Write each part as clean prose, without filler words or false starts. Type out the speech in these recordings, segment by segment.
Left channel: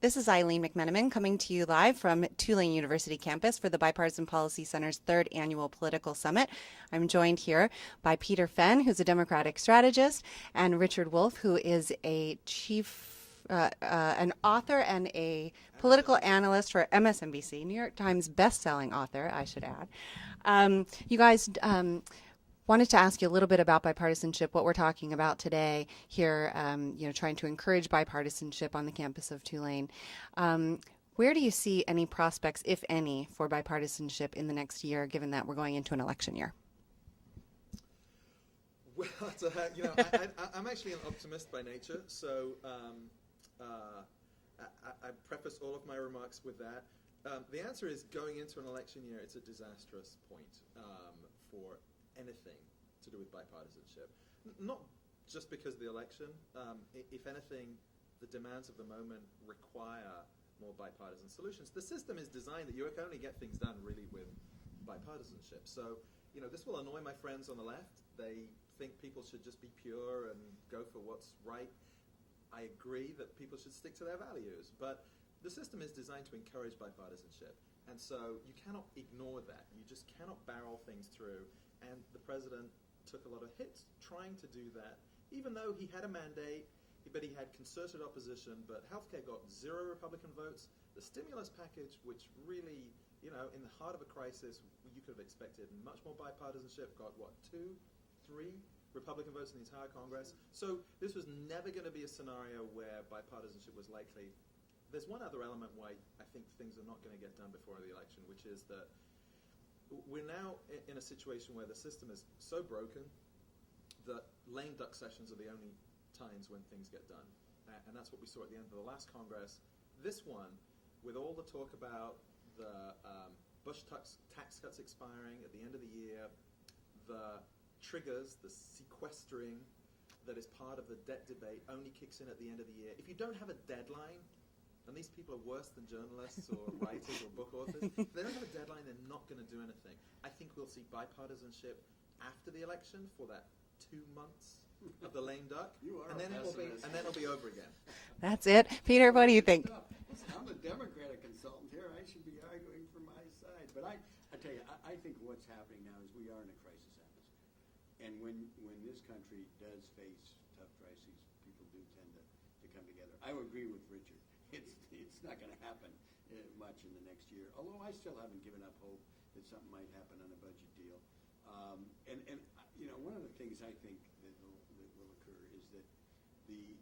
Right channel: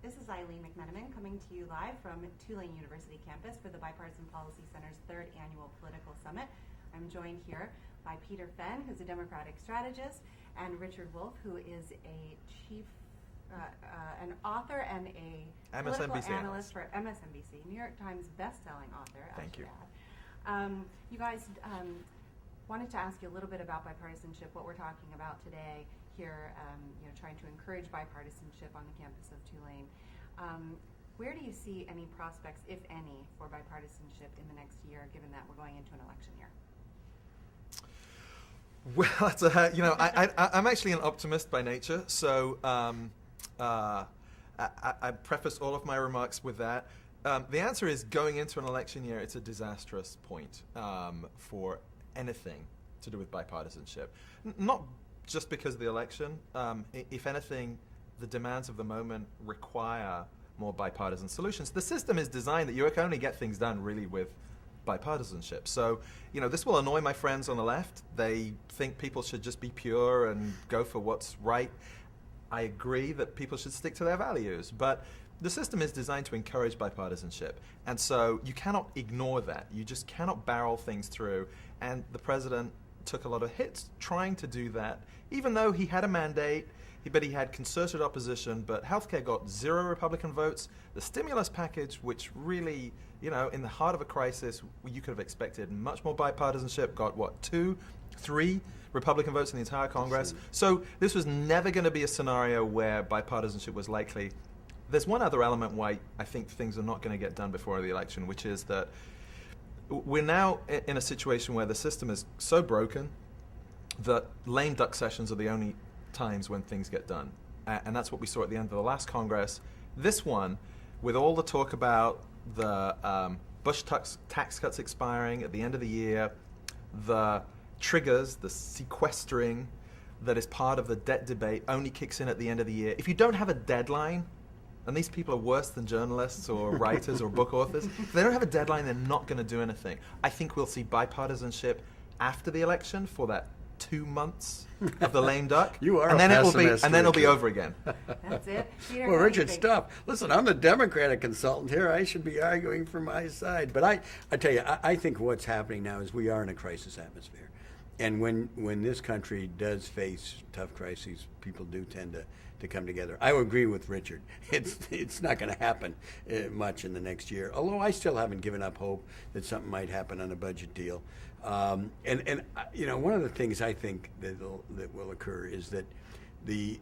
This is Eileen McMenamin coming to you live from Tulane University campus for the Bipartisan Policy Center's third annual political summit. I'm joined here by Peter Fenn, who's a Democratic strategist, and Richard Wolffe, who is an author and a political analyst for MSNBC, New York Times best-selling author, I should add. You guys wanted to ask you a little bit about bipartisanship, what we're talking about today here, trying to encourage bipartisanship on the campus of Tulane. Where do you see any prospects, if any, for bipartisanship in the next year, given that we're going into an election year? Well, I'm actually an optimist by nature, so I preface all of my remarks with that. The answer is, going into an election year, it's a disastrous point for anything to do with bipartisanship. Not just because of the election. If anything, the demands of the moment require more bipartisan solutions. The system is designed that you can only get things done really with bipartisanship. So, this will annoy my friends on the left. They think people should just be pure and go for what's right. I agree that people should stick to their values, but the system is designed to encourage bipartisanship. And so you cannot ignore that. You just cannot barrel things through. And the president took a lot of hits trying to do that, even though he had a mandate, but he had concerted opposition. But healthcare got 0 Republican votes. The stimulus package, which really, in the heart of a crisis, you could have expected much more bipartisanship, got 2, 3 Republican votes in the entire Congress. So this was never going to be a scenario where bipartisanship was likely. There's one other element why I think things are not going to get done before the election, which is that we're now in a situation where the system is so broken that lame duck sessions are the only times when things get done. And that's what we saw at the end of the last Congress. This one, with all the talk about the Bush tax cuts expiring at the end of the year, the triggers, the sequestering that is part of the debt debate only kicks in at the end of the year. If you don't have a deadline, and these people are worse than journalists or writers or book authors. If they don't have a deadline, they're not going to do anything. I think we'll see bipartisanship after the election for that 2 months of the lame duck. You are and then pessimist, and then it'll be over again. That's it. Peter, well, what do you Richard, think? Stop. Listen, I'm the Democratic consultant here. I should be arguing for my side. But I tell you, I think what's happening now is we are in a crisis atmosphere. And when this country does face tough crises, people do tend to come together. I would agree with Richard. It's not going to happen much in the next year, although I still haven't given up hope that something might happen on a budget deal. One of the things I think that will occur is that the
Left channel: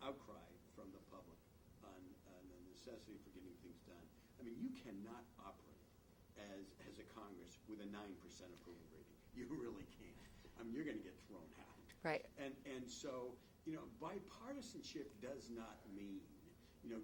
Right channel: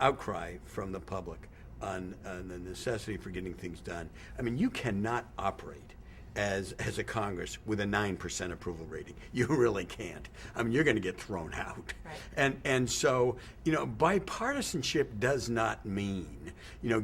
outcry from the public on the necessity for getting things done. I mean, you cannot operate as a Congress with a 9% approval rating. You really can't. I mean, you're going to get thrown out. Right. And so, bipartisanship does not mean,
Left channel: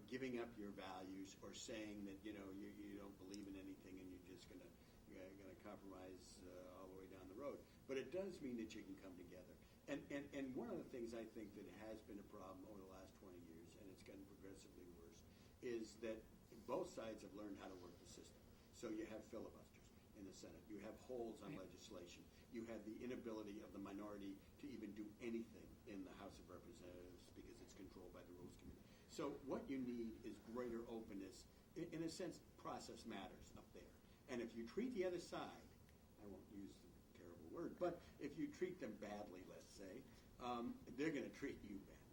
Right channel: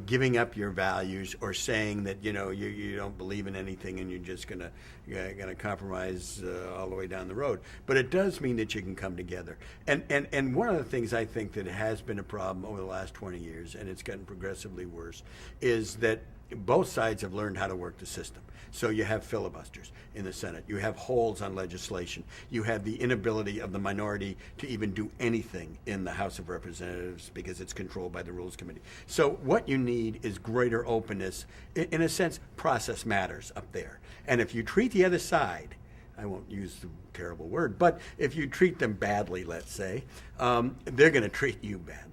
giving up your values or saying that, you don't believe in anything and you're just going to compromise all the way down the road. But it does mean that you can come together. And one of the things I think that has been a problem over the last 20 years, and it's gotten progressively worse, is that both sides have learned how to work the system. So you have filibusters in the Senate. You have holes on legislation. You have the inability of the minority to even do anything in the House of Representatives because it's controlled by the Rules Committee. So what you need is greater openness. In a sense, process matters up there. And if you treat the other side, I won't use the terrible word, but if you treat them badly, let's say, they're going to treat you badly.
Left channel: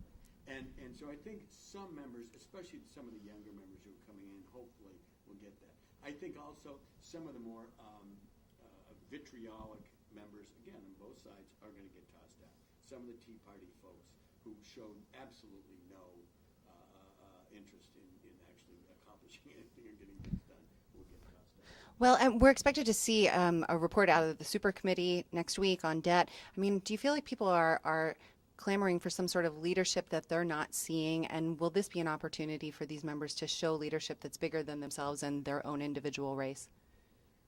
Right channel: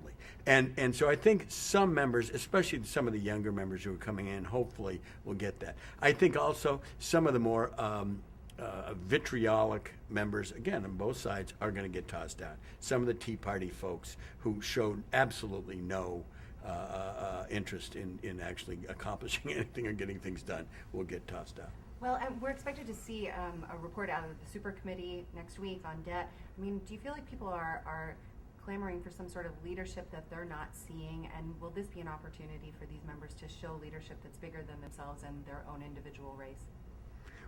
And so I think some members, especially some of the younger members who are coming in, hopefully will get that. I think also some of the more vitriolic members, again, on both sides, are going to get tossed out. Some of the Tea Party folks who showed absolutely no interest in actually accomplishing anything or getting things done will get tossed out. Well, we're expected to see a report out of the super committee next week on debt. I mean, do you feel like people are clamoring for some sort of leadership that they're not seeing, and will this be an opportunity for these members to show leadership that's bigger than themselves and their own individual race?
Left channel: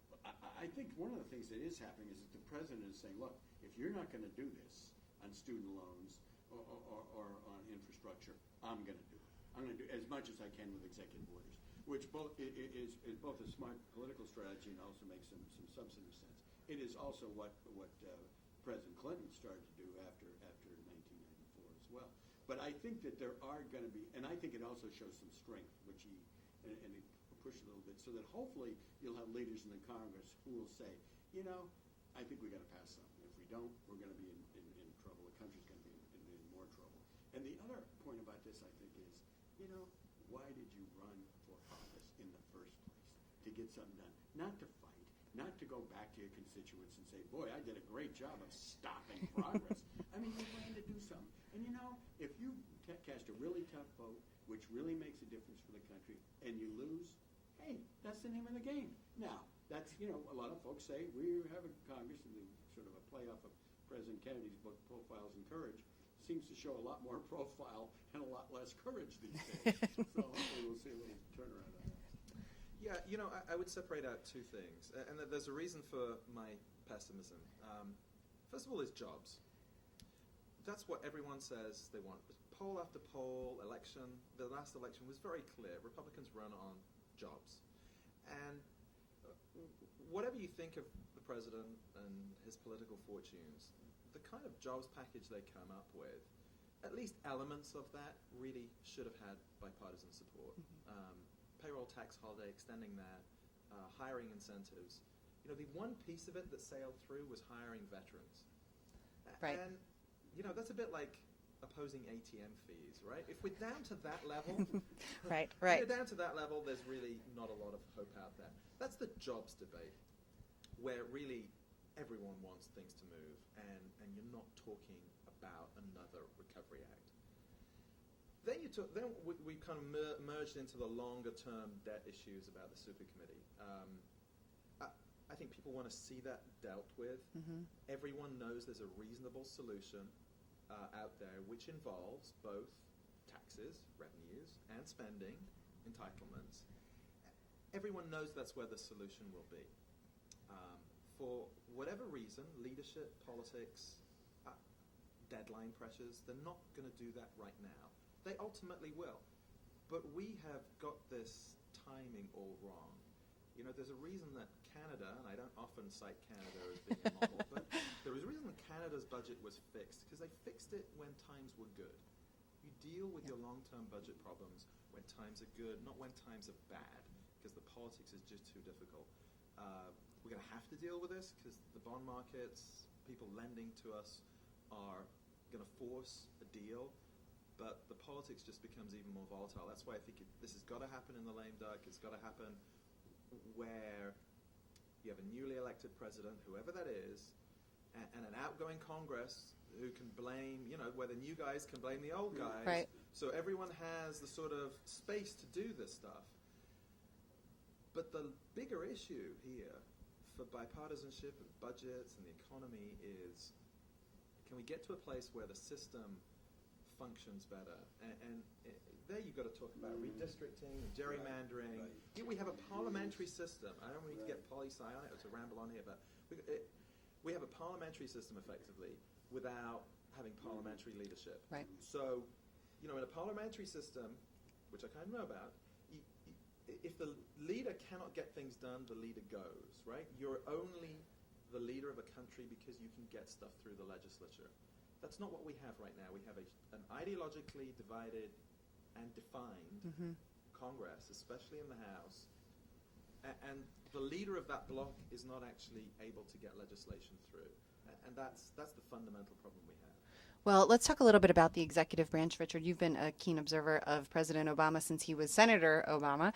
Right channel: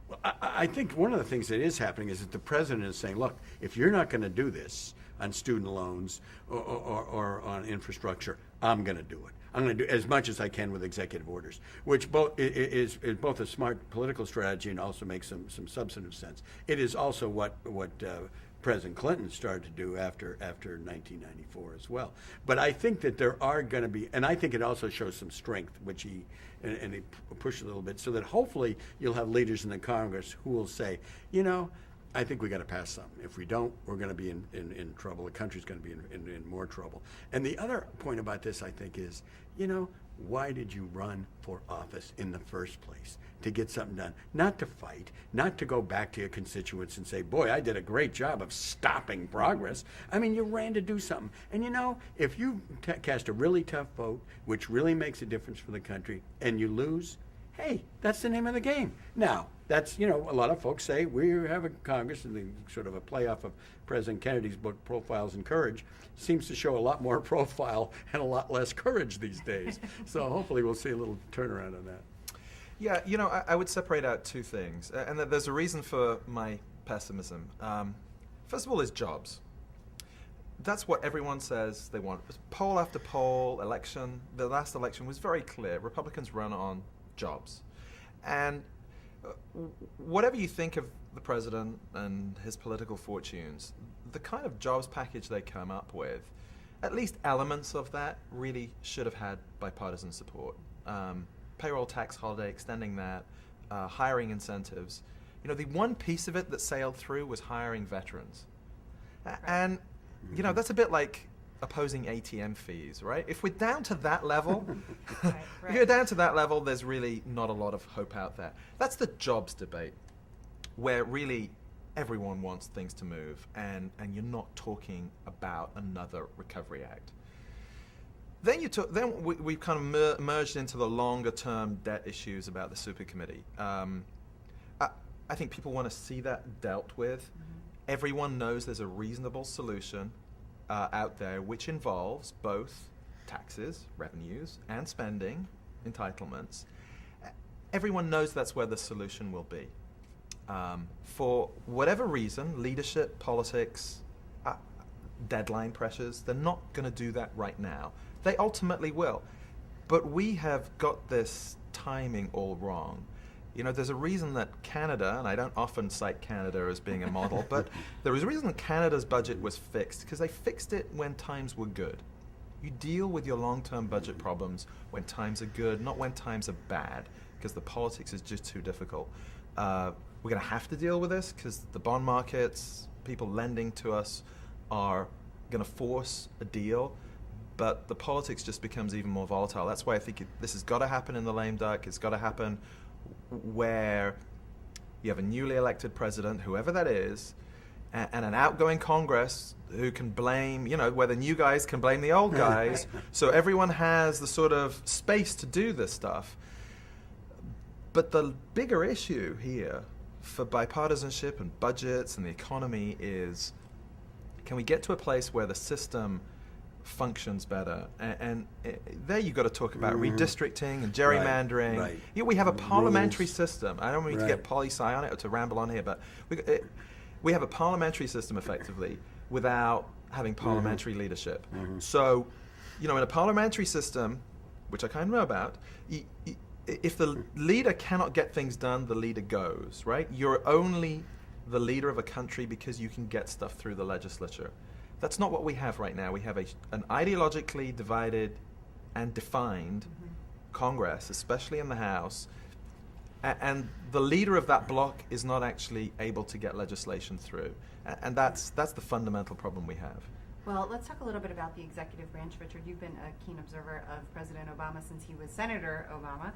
Well, I think one of the things that is happening is that the president is saying, look, if you're not going to do this on student loans or on infrastructure, I'm going to do it. I'm going to do as much as I can with executive orders, which is both a smart political strategy and also makes some substantive sense. It is also what President Clinton started to do after 1994 as well. But I think that there are going to be, and I think it also shows some strength, which he pushed a little bit, so that hopefully you'll have leaders in the Congress who will say, I think we got to pass something. If we don't, we're going to be in trouble. The country's going to be in more trouble. And the other point about this, I think, is, why did you run for office in the first place? To get something done, not to fight, not to go back to your constituents and say, boy, I did a great job of stopping progress. I mean, you ran to do something. And if you cast a really tough vote, which really makes a difference for the country, and you lose, hey, that's the name of the game. Now, that's, a lot of folks say we have a Congress, and the sort of a playoff of President Kennedy's book, Profiles in Courage, seems to show a lot more profile and a lot less courage these days. So hopefully we'll see a little turnaround on that. Yeah, I would separate out two things, and there's a reason for my pessimism. First of all, is jobs. That's what everyone says they want. Poll after poll, the last election was very clear. Republicans run on jobs. And whatever you think of the president and his political fortunes, the kind of jobs package they come up with, at least elements of that really should have had bipartisan support. Payroll tax holiday, extending that, hiring incentives. The one piece of it that sailed through was hiring veterans. Right. And, that's a bit like opposing ATM fees, right? If we're down to that level, right. if you're down to that level, there's really not a lot of hope out there. That's the jobs debate, where really everyone wants things to move, and you're not talking about another Recovery Act. Then we kind of merged into the longer-term debt issues about the super committee. I think people want to see that dealt with. Mm-hmm. Everyone knows there's a reasonable solution out there, which involves both taxes, revenues, and spending, entitlements. Everyone knows that's where the solution will be. For whatever reason, leadership, politics, deadline pressures, they're not going to do that right now. They ultimately will. But we have got this timing all wrong. There's a reason that Canada, and I don't often cite Canada as being a model, but there is a reason that Canada's budget was fixed, because they fixed it when times were good. You deal with your long-term budget problems when times are good, not when times are bad, because the politics is just too difficult. We're going to have to deal with this because the bond markets, people lending to us, are going to force a deal. But the politics just becomes even more volatile. That's why I think this has got to happen in the lame duck. It's got to happen where you have a newly elected president, whoever that is, and an outgoing Congress who can blame, where the new guys can blame the old guys. Right. So everyone has the sort of space to do this stuff. But the bigger issue here for bipartisanship and budgets and the economy is, can we get to a place where the system functions better? And there you've got to talk about redistricting and gerrymandering. Right. We have a parliamentary system. I don't mean to get poli-sci on it or to ramble on here, but we have a parliamentary system effectively without having parliamentary leadership. So, in a parliamentary system, which I kind of know about, if the leader cannot get things done, the leader goes, right? You're only the leader of a country because you can get stuff through the legislature. That's not what we have right now. We have an ideologically divided and defined Congress, especially in the House, and the leader of that bloc is not actually able to get legislation through. And that's the fundamental problem we have. Well, let's talk a little bit about the executive branch, Richard. You've been a keen observer of President Obama since he was Senator Obama.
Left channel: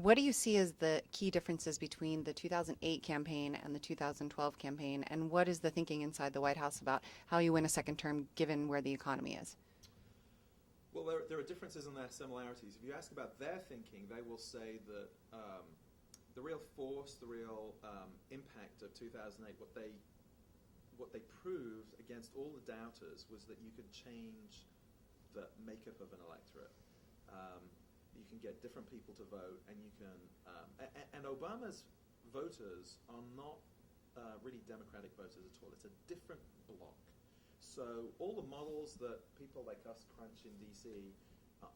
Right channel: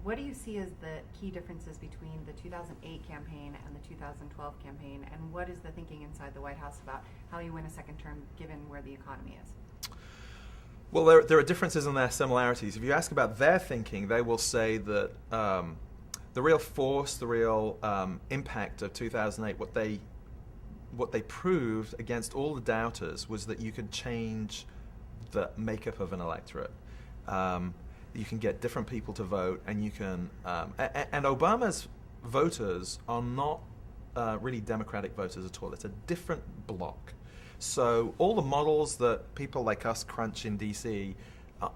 What do you see as the key differences between the 2008 campaign and the 2012 campaign, and what is the thinking inside the White House about how you win a second term given where the economy is? Well, there are differences and there are similarities. If you ask about their thinking, they will say that the real force, the real impact of 2008, what they proved against all the doubters was that you could change the makeup of an electorate. You can get different people to vote, and you can. And Obama's voters are not really Democratic voters at all. It's a different bloc. So all the models that people like us crunch in D.C.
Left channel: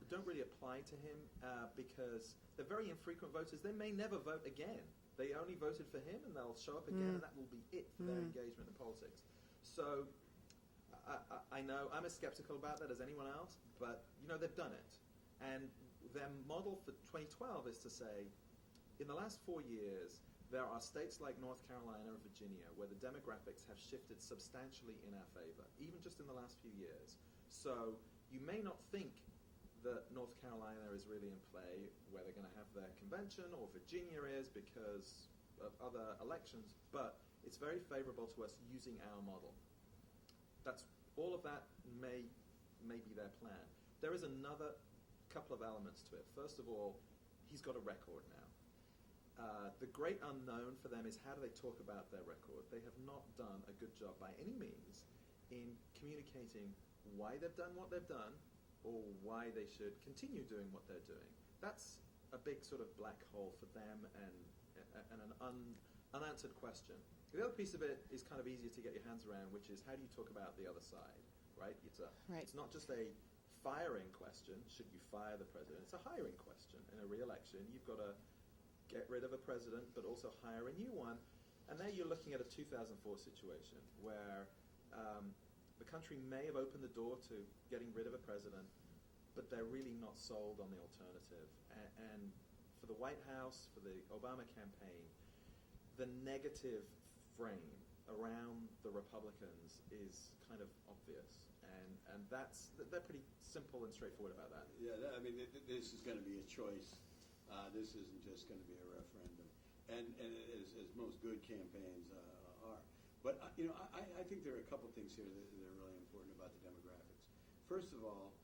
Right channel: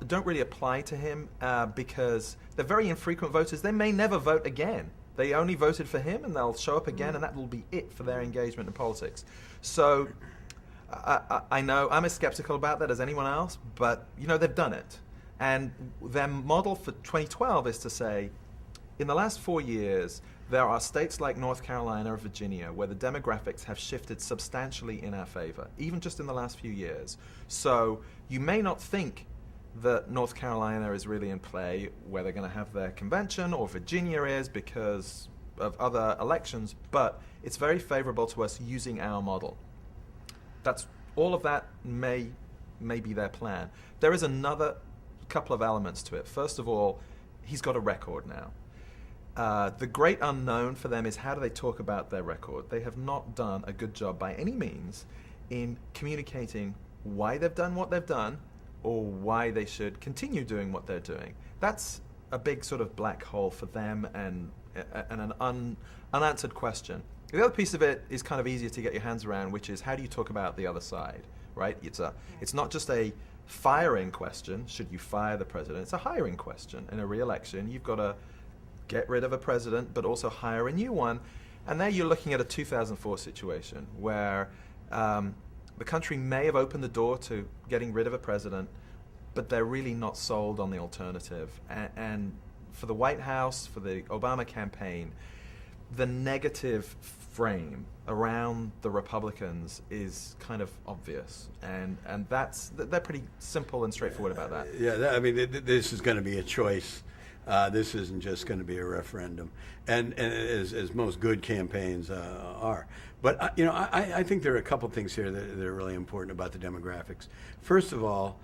Don't really apply to him because they're very infrequent voters. They may never vote again. They only voted for him, and they'll show up again, and that will be it for their engagement in politics. So I know I'm as skeptical about that as anyone else, but they've done it. And their model for 2012 is to say, in the last 4 years, there are states like North Carolina or Virginia where the demographics have shifted substantially in our favor, even just in the last few years. So you may not think that North Carolina is really in play, where they're going to have their convention, or Virginia is because of other elections, but it's very favorable to us using our model. That's all of that may be their plan. There is another couple of elements to it. First of all, he's got a record now. The great unknown for them is how do they talk about their record. They have not done a good job by any means in communicating why they've done what they've done, or why they should continue doing what they're doing. That's a big sort of black hole for them, and an unanswered question. The other piece of it is kind of easier to get your hands around, which is how do you talk about the other side, right? It's not just a firing question, should you fire the president? It's a hiring question. In a re-election, you've got to get rid of a president, but also hire a new one. And there you're looking at a 2004 situation where the country may have opened the door to getting rid of a president, but they're really not sold on the alternative. And for the White House, for the Obama campaign, the negative frame around the Republicans is kind of obvious, and they're pretty simple and straightforward about that. This is going to be a choice. This isn't just going to be a referendum, and as most good campaigns are. But I think there are a couple things here that are really important about the demographics. First of all,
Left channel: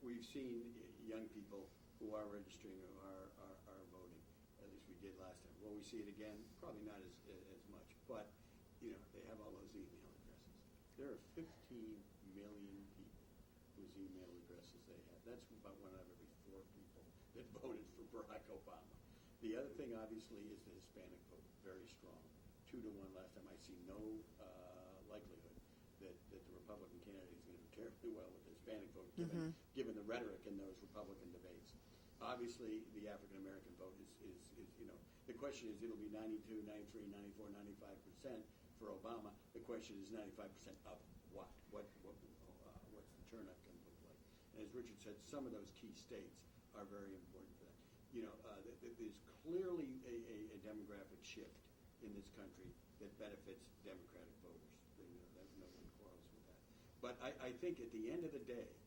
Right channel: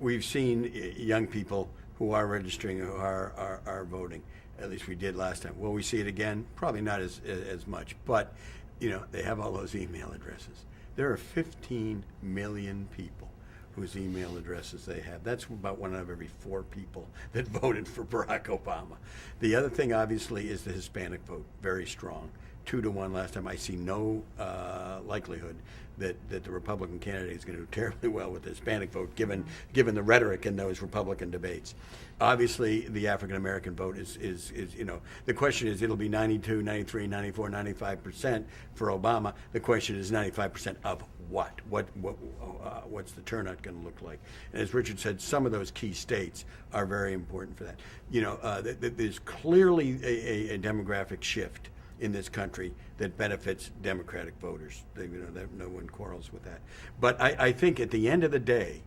we've seen young people who are registering, who are voting. At least we did last time. Will we see it again? Probably not as much. But they have all those email addresses. There are 15 million people whose email addresses they have. That's about 1 out of every 4 people that voted for Barack Obama. The other thing, obviously, is the Hispanic vote. Very strong. 2-1 last time. I see no likelihood that the Republican candidate is going to do terribly well with the Hispanic vote, given the rhetoric in those Republican debates. Obviously, the African American vote is the question is it'll be 92, 93, 94, 95% for Obama. The question is 95% of what? What's the turnout going to look like? And as Richard said, some of those key states are very important for that. There's clearly a demographic shift in this country that benefits Democratic voters. No one quarrels with that. But I think at the end of the day,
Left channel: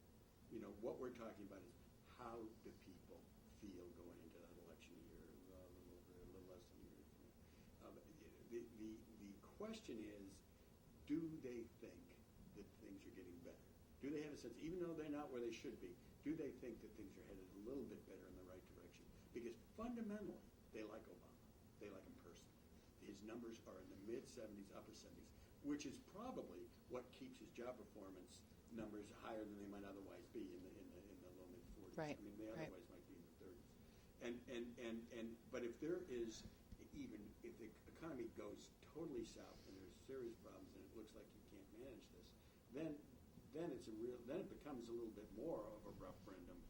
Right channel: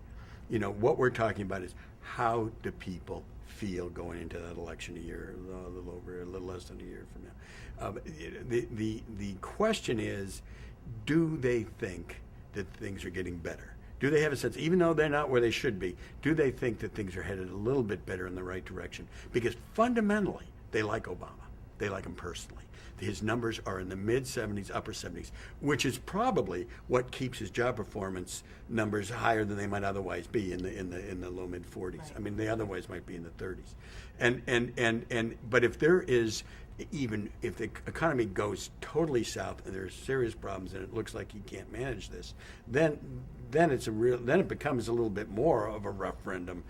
what we're talking about is how do people feel going into that election a little less than a year from now. The question is, do they think that things are getting better? Do they have a sense, even though they're not where they should be, do they think that things are headed a little bit better in the right direction? Because fundamentally, they like Obama. They like him personally. His numbers are in the mid-70s, upper 70s, which is probably what keeps his job performance numbers higher than they might otherwise be in the low mid-40s. Right. I mean, they otherwise might be in the 30s. But if there is, even if the economy goes totally south and there's serious problems and it looks like he can't manage this, then it becomes a little bit more of a referendum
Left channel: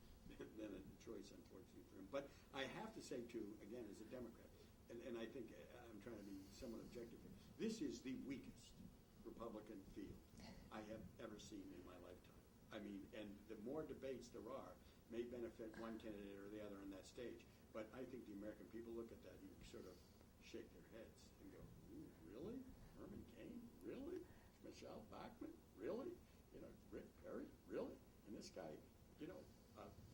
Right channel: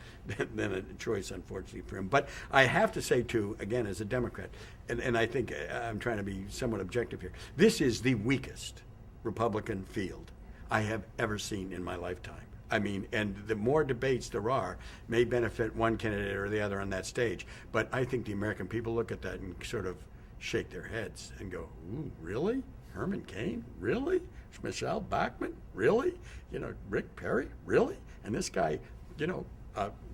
than a choice, unfortunately, for him. But I have to say, too, again, as a Democrat, and I think I'm trying to be somewhat objective here, this is the weakest Republican field I have ever seen in my lifetime. I mean, and the more debates there are may benefit one candidate or the other on that stage. But I think the American people look at that and sort of shake their heads and go, ooh, really? Herman Cain? Really? Michelle Bachmann? Really? Rick Perry? Really? And this guy,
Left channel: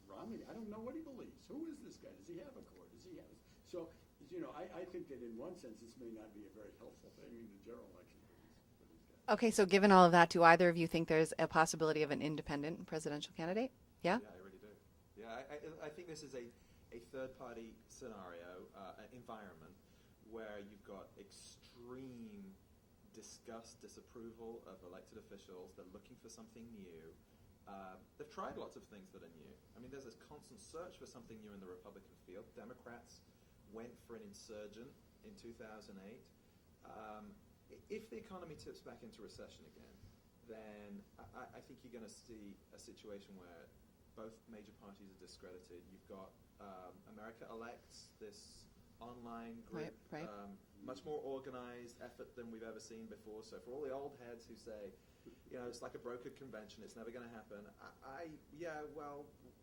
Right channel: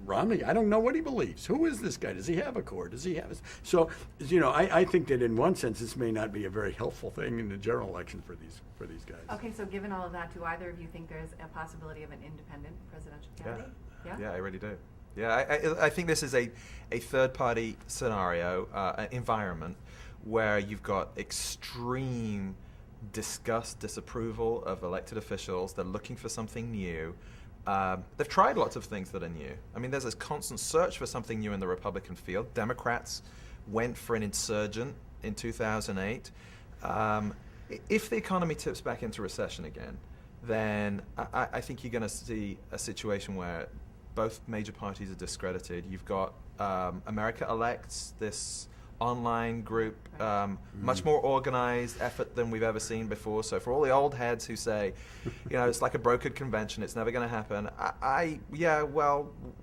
Romney, I don't know what he believes. Who is this guy? Does he have a core? Does he have a... So, I think that in one sense this may not be a very helpful thing in the general election for these guys. Okay, so given all of that, do either of you think there's a possibility of an independent presidential candidate? Yeah? Yeah, I really do. Yeah, I think this is a third-party scenario, environment, where you've got extreme disgust, disapproval of elected officials. They're looking for something new. They've tried lots of things that are new. I mean, there's this constant search for something new in the Republican field. Democrats went for an insurgent in 2008. If the economy tips back into recession again, then I think you're going to see a situation where both major parties are discredited. You've got America elects this online group, much more organized effort than we've ever seen before. So for all the old heads who say, it's like a brokered convention, it's never going to happen,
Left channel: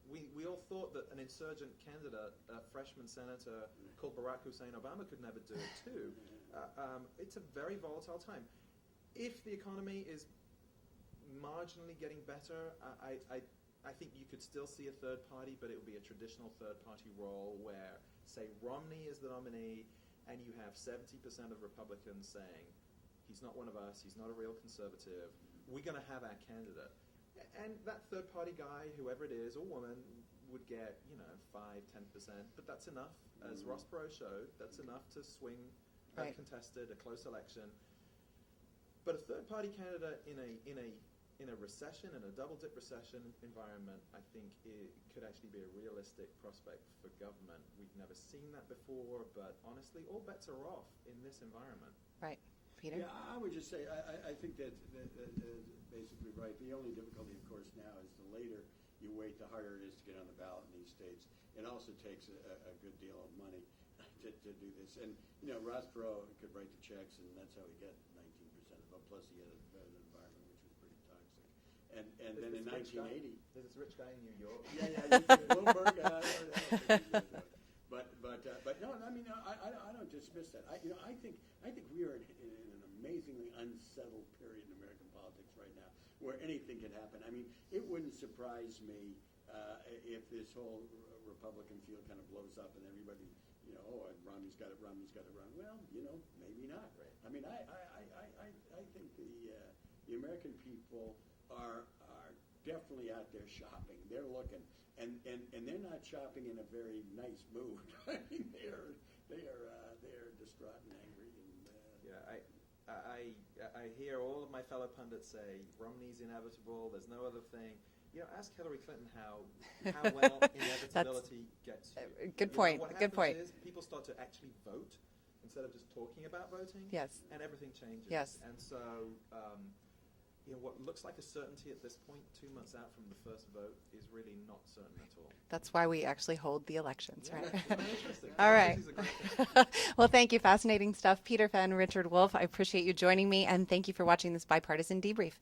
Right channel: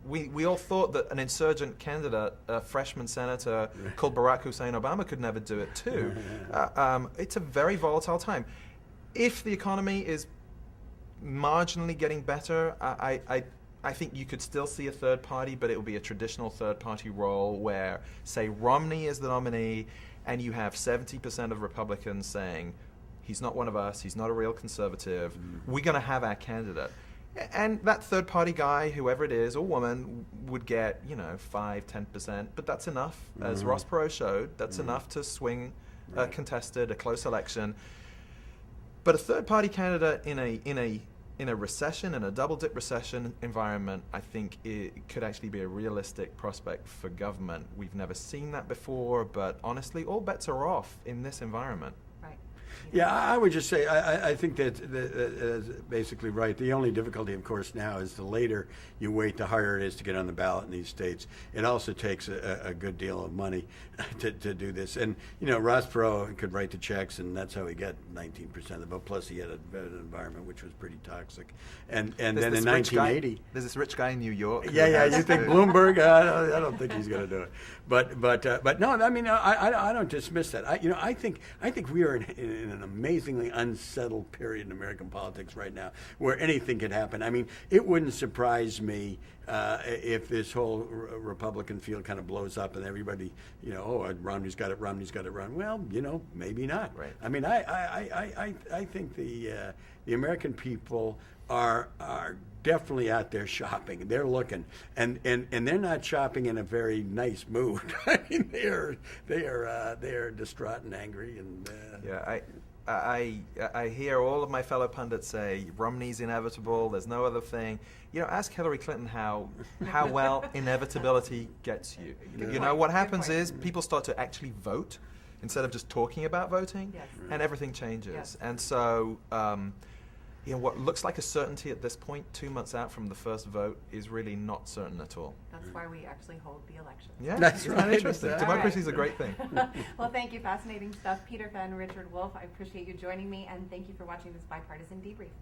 we all thought that an insurgent candidate, a freshman senator called Barack Hussein Obama, could never do it too. It's a very volatile time. If the economy is marginally getting better, I think you could still see a third party, but it will be a traditional third party role where, say, Romney is the nominee, and you have 70% of Republicans saying, he's not one of us, he's not a real conservative, we're going to have our candidate. And that third party guy, whoever it is, or woman, would get, 5-10%, but that's enough. As Ross Perot showed, that's enough to swing a contested, a close election. But a third party candidate in a recession, in a double-dip recession environment, I think it could actually be a realistic prospect for government. We've never seen that before, but honestly, all bets are off in this environment. Right. Yeah, I would just say I think that is basically right. The only difficulty, of course, now is the later you wait, the harder it is to get on the ballot in these states. It also takes a good deal of money to do this. And, Ross Perot could write the checks, and that's how he got 19% of the vote. Plus, he had an environment which was pretty toxic. And then in 1980... There's this rich guy in New York. Yeah, you think Bloomberg? I don't think he's going to do it. But no, I mean, I don't dismiss that. I think we are in an amazingly unsettled period in American politics right now, where anything could happen. I mean, it wouldn't surprise me if this whole Republican field kind of blows up and everybody, Romney's got it. Well, maybe not. Right. I mean, I think the American people are definitely out there shopping. They're looking, and they're not shopping in a very nice mood. I mean, they are distraught and angry. And I hear all of my fellow pundits say Romney's inevitable. There's no other thing. Ask Hillary Clinton how well inevitability gets you. Good point. What Good happens point. is people start to actually vote instead of just talking about voting, Yes. and everything changes. Yes. And so. What looks like a certainty at this point, 2 months out from the first vote, is really not certain at all. That's why we actually hold the elections. Yeah, That's it's right. interesting. All Democracy is a great thing. Well, thank you. Fascinating stuff. Peter Fenn, Richard Wolffe, I appreciate you joining me, and thank you for watching this Bipartisan Debrief.